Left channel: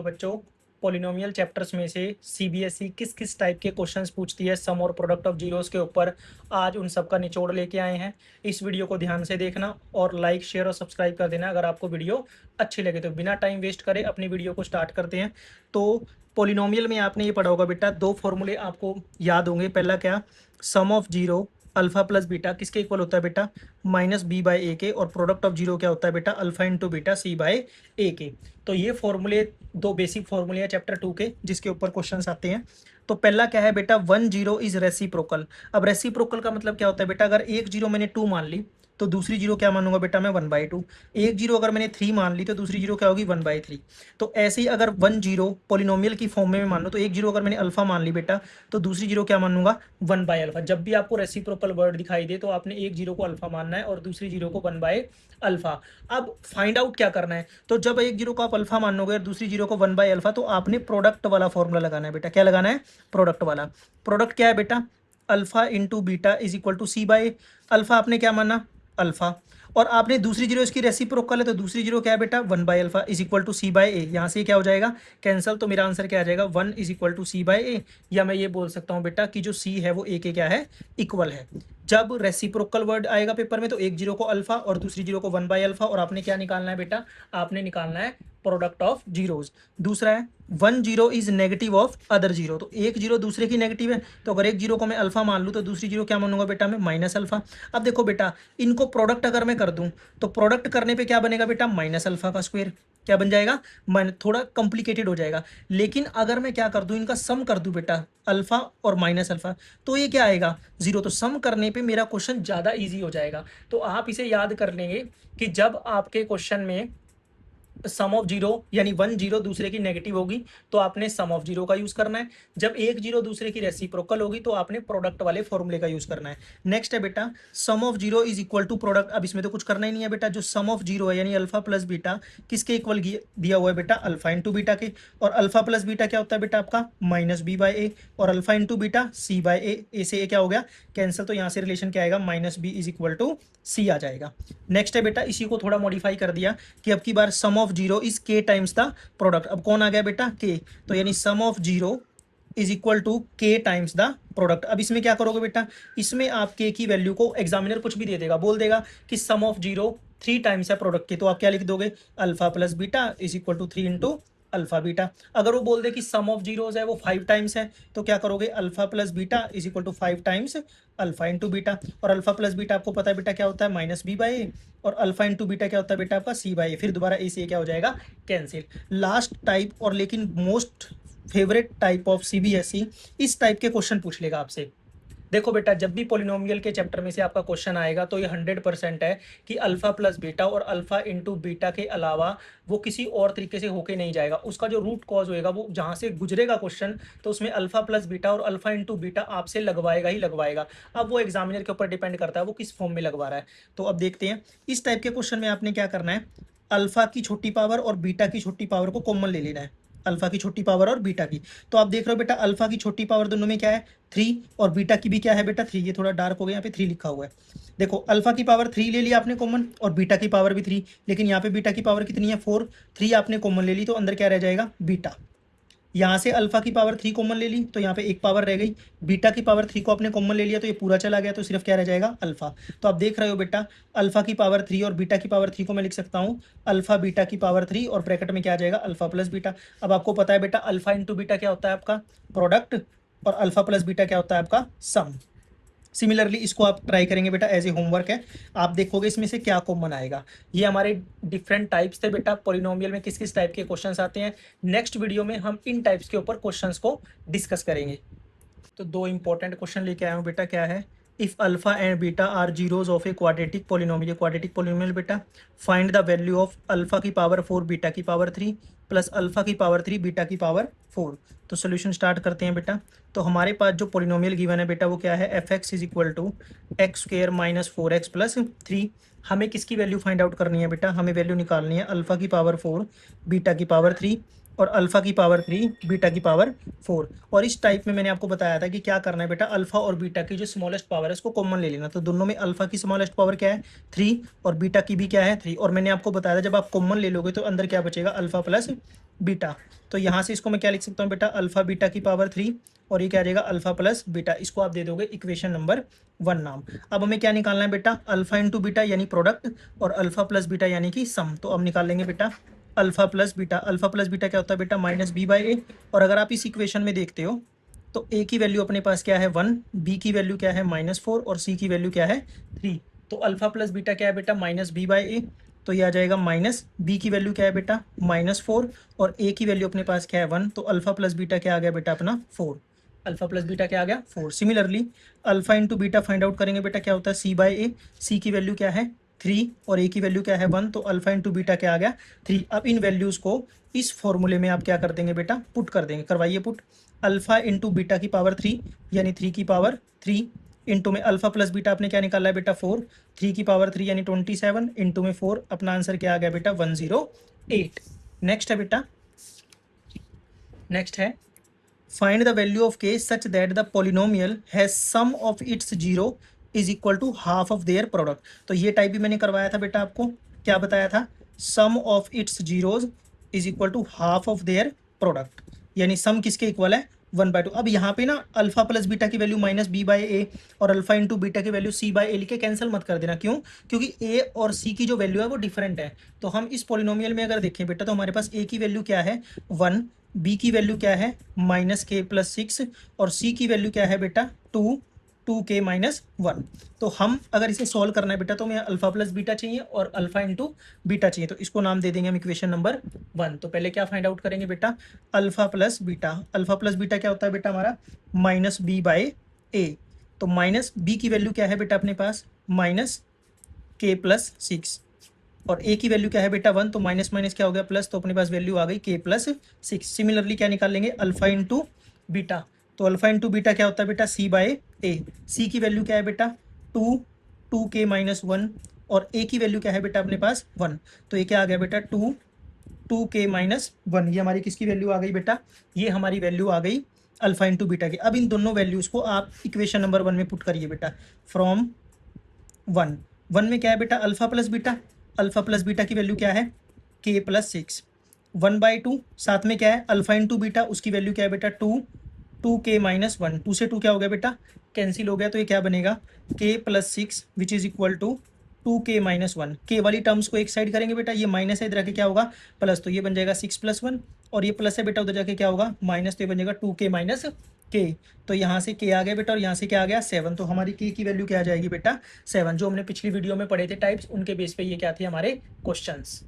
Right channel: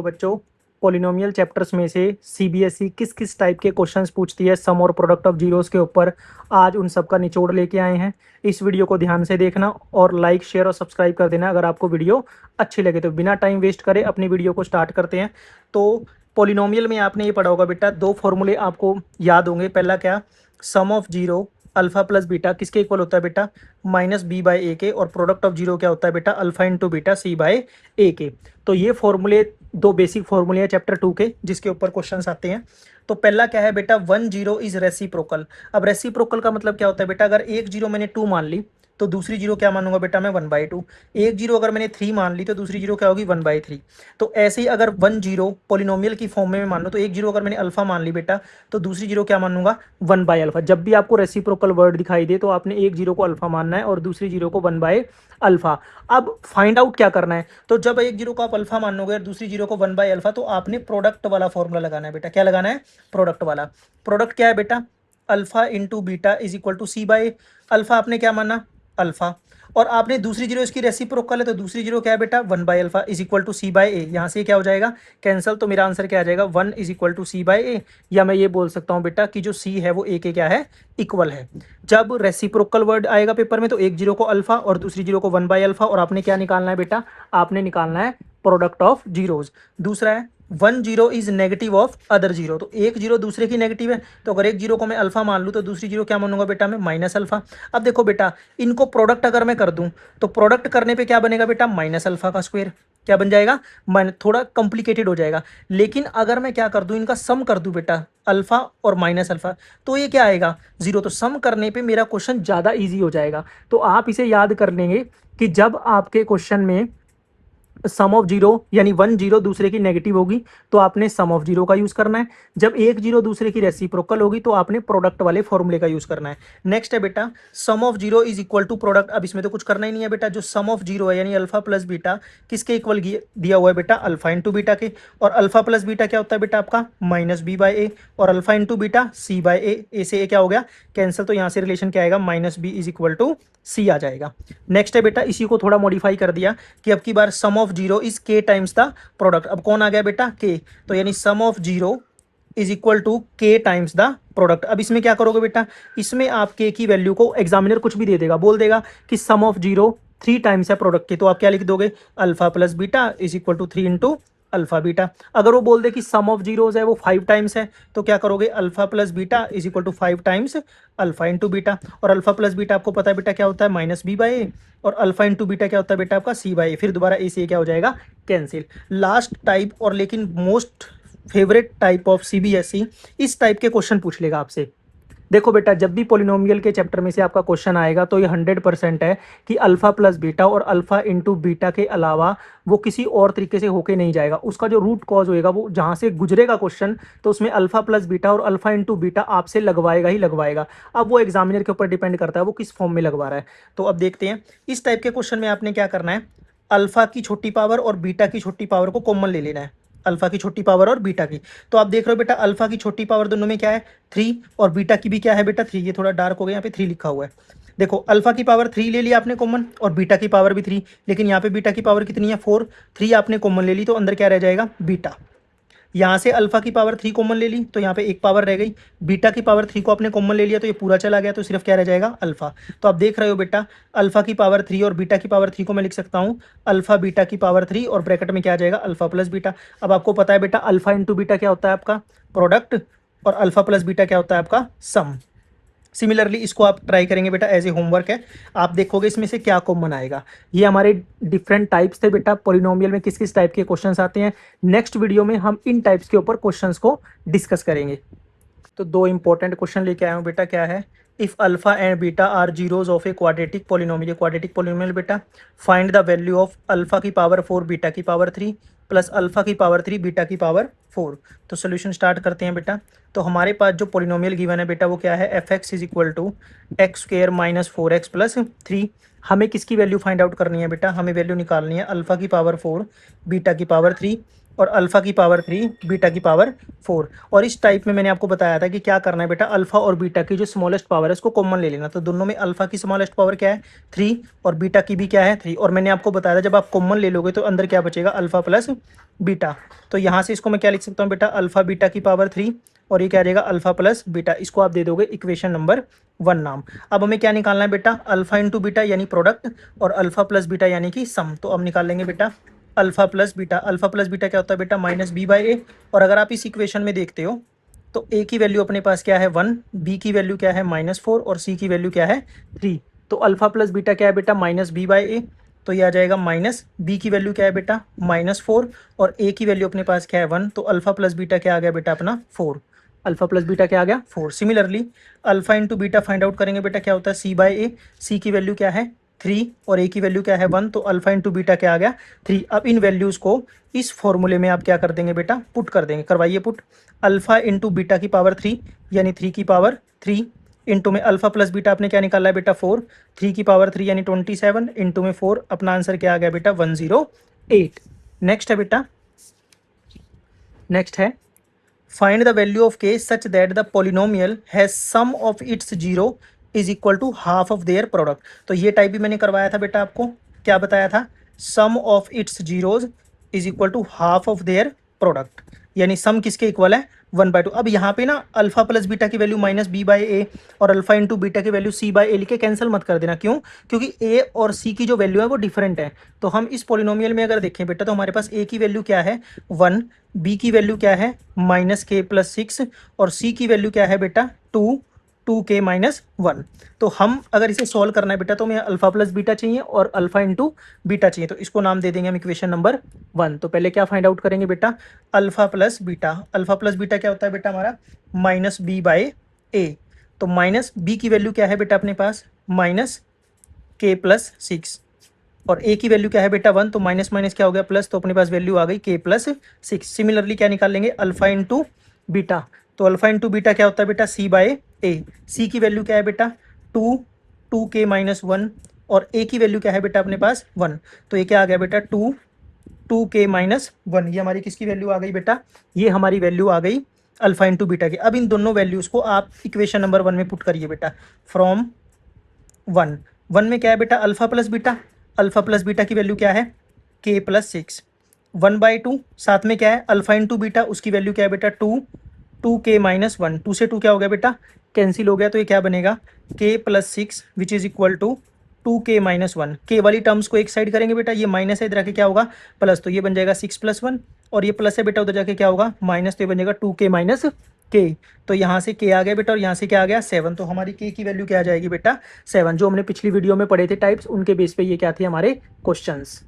तो बच्चों, polynomial chapters में से सीबीएसई किस किस टाइप के क्वेश्चंस पूछती है सम और प्रोडक्ट ऑफ जीरोस के ऊपर, आज उन सब का निचोड़ लेके आए हैं। इस वीडियो को ध्यान से देखना और लाइक शेयर और सब्सक्राइब कर देना अगर आपको वीडियो अच्छी लगे तो। बिना टाइम वेस्ट करे अपनी वीडियो को स्टार्ट करते हैं। तो पॉलिनोमियल में आपने ये पढ़ा होगा बेटा, दो फॉर्मूले आपको याद होंगे। पहला क्या, sum of zero alpha plus beta किसके इक्वल होता है बेटा, माइनस बी बाई ए के। और प्रोडक्ट ऑफ जीरो क्या होता है बेटा, alpha into beta c by a के। तो ये फॉर्मूले दो बेसिक फॉर्मूले हैं चैप्टर 2 के, जिसके ऊपर क्वेश्चंस आते हैं। तो पहला क्या है बेटा, 1 0 इज रेसिप्रोकल। अब रेसिप्रोकल का मतलब क्या होता है बेटा, अगर एक जीरो मैंने 2 मान ली तो दूसरी जीरो क्या मानूंगा बेटा मैं 1/2। एक जीरो अगर मैंने 3 मान ली तो दूसरी जीरो क्या होगी 1/3। तो ऐसे ही अगर 1 0 पॉलिनोमियल की फॉर्म में मान लो, तो एक जीरो अगर मैंने अल्फा मान ली बेटा तो दूसरी जीरो क्या मानूंगा 1/अल्फा। जब भी आपको रेसिप्रोकल वर्ड दिखाई दे तो आपने एक जीरो को अल्फा मानना है और दूसरी जीरो को 1/अल्फा। अब फाइंड आउट क्या करना है, तो जब एक जीरो को आप अल्फा मानोगे और दूसरी जीरो को 1/अल्फा, तो आपने प्रोडक्ट वाला फॉर्मूला लगाना है बेटा। क्या लगाना है, प्रोडक्ट वाला। प्रोडक्ट क्या है बेटा, alpha into beta is equal to c by alpha. आपने क्या माना, अल्फा। और आपने दूसरी जीरो इसकी रेसिप्रोकल है, तो दूसरी जीरो क्या है बेटा alpha is equal to c by a. यहाँ से क्या हो जाएगा कैंसिल, तो मेरा आंसर क्या आ जाएगा 1 is equal to c by a. या मैं ये बोल सकता हूँ बेटा कि जो सी है वो ए के क्या है, इक्वल है। जब रेसिप्रोकल वर्ड आएगा पेपर में तो एक जीरो को अल्फा और दूसरी जीरो को 1/अल्फा, और आपने क्या निकालना है बेटा, आपने निकालना है प्रोडक्ट ऑफ जीरोज। दूसरा है 1 0 is negative of other zero. तो एक जीरो दूसरे की नेगेटिव है, तो अगर एक जीरो को मैं अल्फा मान लूँ तो दूसरी जीरो क्या मानूंगा बेटा मैं माइनस अल्फा। अब देखो बेटा, इनको प्रोडक्ट अगर मैं कर दूं तो प्रोडक्ट करने पे क्या बनेगा बेटा, माइनस अल्फा का स्क्वायर। क्या बन जाएगा, थोड़ा कॉम्प्लिकेटेड हो जाएगा। लेकिन अगर मैं क्या कर दूं, इनका सम कर दूं बेटा, अल्फा और माइनस अल्फा, तो ये क्या आएगा जीरो। तो सम करने पे मेरा क्वेश्चन ज़्यादा ईजी हो जाएगा। तो आप इसे याद कर लेंगे कि जब आपके क्वेश्चन में सम ऑफ जीरो यानी 1 0 दूसरे की नेगेटिव होगी तो आपने सम ऑफ जीरो का यूज करना है। जब एक जीरो दूसरे की रेसिप्रोकल होगी तो आपने प्रोडक्ट वाले फॉर्मूले का यूज करना है। नेक्स्ट है बेटा, sum of zero is equal to product. अब इसमें तो कुछ करना ही नहीं है बेटा, जो सम ऑफ जीरो है यानी अल्फा प्लस बीटा किसके इक्वल दिया हुआ है बेटा, अल्फा इंटू बीटा के। और अल्फा प्लस बीटा क्या होता है बेटा आपका माइनस बी बाई ए, और alpha into beta c by a से ए क्या हो गया कैंसिल। तो यहाँ से रिलेशन क्या आएगा, minus b is equal to c आ जाएगा। नेक्स्ट है बेटा, इसी को थोड़ा मॉडिफाई कर दिया कि अब की बार sum of zero is k times the product. अब कौन आ गया बेटा, के। तो यानी sum of zero is equal to k times the product. अब इसमें क्या करोगे बेटा, इसमें आप के की वैल्यू को, एग्जामिनर कुछ भी दे देगा, बोल देगा कि सम ऑफ जीरो 3 टाइम्स है प्रोडक्ट के, तो आप क्या लिख दोगे, alpha plus beta is equal to 3 into alpha beta. अगर वो बोल दे कि सम ऑफ जीरोज है वो 5 टाइम्स है, तो क्या करोगे, alpha plus beta is equal to 5 times alpha into beta. और अल्फा प्लस बीटा आपको पता है बेटा क्या होता है, माइनस बी बाई ए। और अल्फा इंटू बीटा क्या होता है बेटा आपका सी बाई ए। फिर दोबारा ए से क्या हो जाएगा कैंसिल। लास्ट टाइप और लेकिन most favourite type of CBSE, इस टाइप के क्वेश्चन पूछ लेगा आपसे। देखो बेटा, जब भी पॉलिनोमियल के चैप्टर में से आपका क्वेश्चन आएगा तो ये 100% है कि अल्फा प्लस बीटा और अल्फा इंटू बीटा के अलावा वो किसी और तरीके से होके नहीं जाएगा। उसका जो रूट कॉज होएगा वो जहाँ से गुजरेगा क्वेश्चन, तो उसमें अल्फा प्लस बीटा और अल्फा इंटू बीटा आपसे लगवाएगा ही लगवाएगा। अब वो एग्जामिनर के ऊपर डिपेंड करता है वो किस फॉर्म में लगवा रहा है। तो अब देखते हैं इस टाइप के क्वेश्चन में आपने क्या करना है, अल्फा की छोटी पावर और बीटा की छोटी पावर को कॉमन ले लेना है, अल्फा की छोटी पावर और बीटा की। तो आप देख रहे हो बेटा, अल्फा की छोटी पावर दोनों में क्या है 3, और बीटा की भी क्या है बेटा 3। ये थोड़ा डार्क हो गया, यहाँ पे 3 लिखा हुआ है। देखो अल्फा की पावर 3 ले लिया आपने कॉमन, और बीटा की पावर भी 3, लेकिन यहाँ पे बीटा की पावर कितनी है 4। 3 आपने कॉमन ले ली तो अंदर क्या रह जाएगा बीटा। यहाँ से अल्फा की पावर 3 कॉमन ले ली तो यहाँ पे एक पावर रह गई। बीटा की पावर 3 को आपने कॉमन ले लिया तो ये पूरा चला गया, तो सिर्फ क्या रह जाएगा अल्फा। तो आप देख रहे हो बेटा, अल्फा की पावर 3 और बीटा की पावर 3 को मैं लिख सकता हूँ अल्फा बीटा की पावर 3, और ब्रैकेट में क्या आ जाएगा अल्फा प्लस बीटा। अब आपको पता है बेटा अल्फा इंटू बीटा क्या होता है आपका प्रोडक्ट, और अल्फा प्लस बीटा क्या होता है आपका सम। सिमिलरली इसको आप ट्राई करेंगे बेटा, एज ए होमवर्क है। आप देखोगे इसमें से क्या कॉमन आएगा। ये हमारे डिफरेंट टाइप्स थे बेटा, पॉलिनोमियल में किस किस टाइप के क्वेश्चंस आते हैं। नेक्स्ट वीडियो में हम इन टाइप्स के ऊपर क्वेश्चंस को डिस्कस करेंगे। तो दो इंपॉर्टेंट क्वेश्चन लेके आया हूँ बेटा, क्या है, if alpha and beta are zeros of a quadratic polynomial. Quadratic polynomial बेटा, find the value of alpha की पावर 4 बीटा की पावर 3 प्लस अल्फा की पावर 3 बीटा की पावर 4। तो सोल्यूशन स्टार्ट करते हैं बेटा। तो हमारे पास जो पॉलिनोमियल गिवन है बेटा वो क्या है, f x is equal to x square minus 4x plus 3। हमें किसकी वैल्यू फाइंड आउट करनी है बेटा, हमें वैल्यू निकालनी है अल्फा की पावर 4 बीटा की पावर 3 और अल्फ़ा की पावर 3, बीटा की पावर 4। और इस टाइप में मैंने आपको बताया था कि क्या करना है बेटा, अल्फ़ा और बीटा की जो स्मॉलेस्ट पावर है उसको कॉमन ले लेना। तो दोनों में अल्फ़ा की स्मॉलेस्ट पावर क्या है 3 और बीटा की भी क्या है 3। और मैंने आपको बताया था जब आप कॉमन ले लोगे तो अंदर क्या बचेगा, अल्फ़ा प्लस बीटा। तो यहाँ से इसको मैं क्या लिख सकता हूँ बेटा, अल्फ़ा बीटा की पावर 3 और ये क्या आ जाएगा अल्फ़ा प्लस बीटा। इसको आप दे दोगे इक्वेशन नंबर 1 नाम। अब हमें क्या निकालना है बेटा, अल्फ़ा इंटू बीटा यानी प्रोडक्ट और अल्फ़ा प्लस बीटा यानी कि सम। तो अब निकाल लेंगे बेटा alpha plus beta. Alpha plus beta क्या होता है बेटा, माइनस बी बाई ए। और अगर आप इस इक्वेशन में देखते हो तो ए की वैल्यू अपने पास क्या है 1, बी की वैल्यू क्या है -4 और सी की वैल्यू क्या है 3। तो अल्फ़ा प्लस बीटा क्या है बेटा, माइनस बी बाई ए। तो ये आ जाएगा माइनस बी की वैल्यू क्या है बेटा -4 और ए की वैल्यू अपने पास क्या है 1। तो अल्फ़ा प्लस बीटा क्या आ गया बेटा अपना 4। अल्फ़ा प्लस बीटा क्या आ गया 4। Similarly alpha into beta find out करेंगे बेटा, क्या होता है सी बाई ए। सी की वैल्यू क्या है 3 और ए की वैल्यू क्या है 1। तो अल्फ़ा इंटू बीटा क्या आ गया 3। अब इन वैल्यूज़ को इस फॉर्मूले में आप क्या कर देंगे बेटा, पुट कर देंगे। करवाइए पुट। अल्फ़ा इंटू बीटा की पावर 3 यानी 3 की पावर 3 इंटू में अल्फ़ा प्लस बीटा आपने क्या निकाला है बेटा 4, 3 की पावर 3 यानी 27 इंटू में 4। अपना आंसर क्या आ गया बेटा 108। नेक्स्ट है बेटा, नेक्स्ट है find the value of k such that the polynomial has sum of its zero is equal to half of their product. तो ये टाइप भी मैंने करवाया था बेटा, आपको क्या बताया था, sum of its zeros is equal to half of their product. यानी सम किसके इक्वल है 1/2। अब यहाँ पे ना अल्फा प्लस बीटा की value minus B by a और अल्फा इंटू बीटा की वैल्यू सी बाई ए लिख के कैंसिल मत कर देना। क्यों, क्योंकि ए और सी की जो वैल्यू है वो डिफरेंट है। तो हम इस पोलिनोमियल में अगर देखें बेटा तो हमारे पास ए की वैल्यू क्या है 1, बी की वैल्यू क्या है -k+6 और सी की वैल्यू क्या है बेटा 2k-1। तो हम अगर इसे सॉल्व करना है बेटा तो हमें अल्फा प्लस बीटा चाहिए और अल्फा इंटू बीटा चाहिए। तो इसको नाम दे देंगे हम इक्वेशन नंबर 1। तो पहले क्या फाइंड आउट करेंगे बेटा, alpha plus beta. Alpha plus beta क्या होता है बेटा हमारा -b/a। तो माइनस बी की वैल्यू क्या है बेटा अपने पास -k+6 और ए की वैल्यू क्या है बेटा 1। तो माइनस माइनस क्या हो गया प्लस, तो अपने पास वैल्यू आ गई k+6। सिमिलरली क्या निकाल लेंगे अल्फा इंटू बीटा। तो अल्फा इंटू बीटा क्या होता है बेटा c/a। सी की वैल्यू क्या है बेटा 2k-1 और ए की वैल्यू क्या है बेटा अपने पास 1। तो ये क्या आ गया बेटा 2k-1। ये हमारी किसकी वैल्यू आ गई बेटा, ये हमारी वैल्यू आ गई अल्फा इंटू बीटा की। अब इन दोनों वैल्यूज़ को आप इक्वेशन नंबर 1 में पुट करिए बेटा। फ्रॉम 1 में क्या है बेटा alpha plus beta. Alpha plus beta की वैल्यू क्या है k+6। 1/2 साथ में क्या है अल्फा इंटू बीटा, उसकी वैल्यू क्या है बेटा 2k-1। 2 से 2 क्या हो गया बेटा कैंसिल हो गया। तो ये क्या बनेगा k+6 which is equal to 2k-1। के वाली टर्म्स को एक साइड करेंगे बेटा, ये माइनस है इधर आके क्या होगा प्लस। तो ये बन जाएगा 6+1 और ये प्लस है बेटा उधर जाके क्या होगा माइनस। तो ये बन जाएगा 2k-k। तो यहाँ से k आ गया बेटा और यहाँ से क्या आ गया 7। तो हमारी k की वैल्यू क्या आ जाएगी बेटा 7। जो हमने पिछली वीडियो में पढ़े थे टाइप्स, उनके बेस पे ये क्या थे हमारे क्वेश्चंस।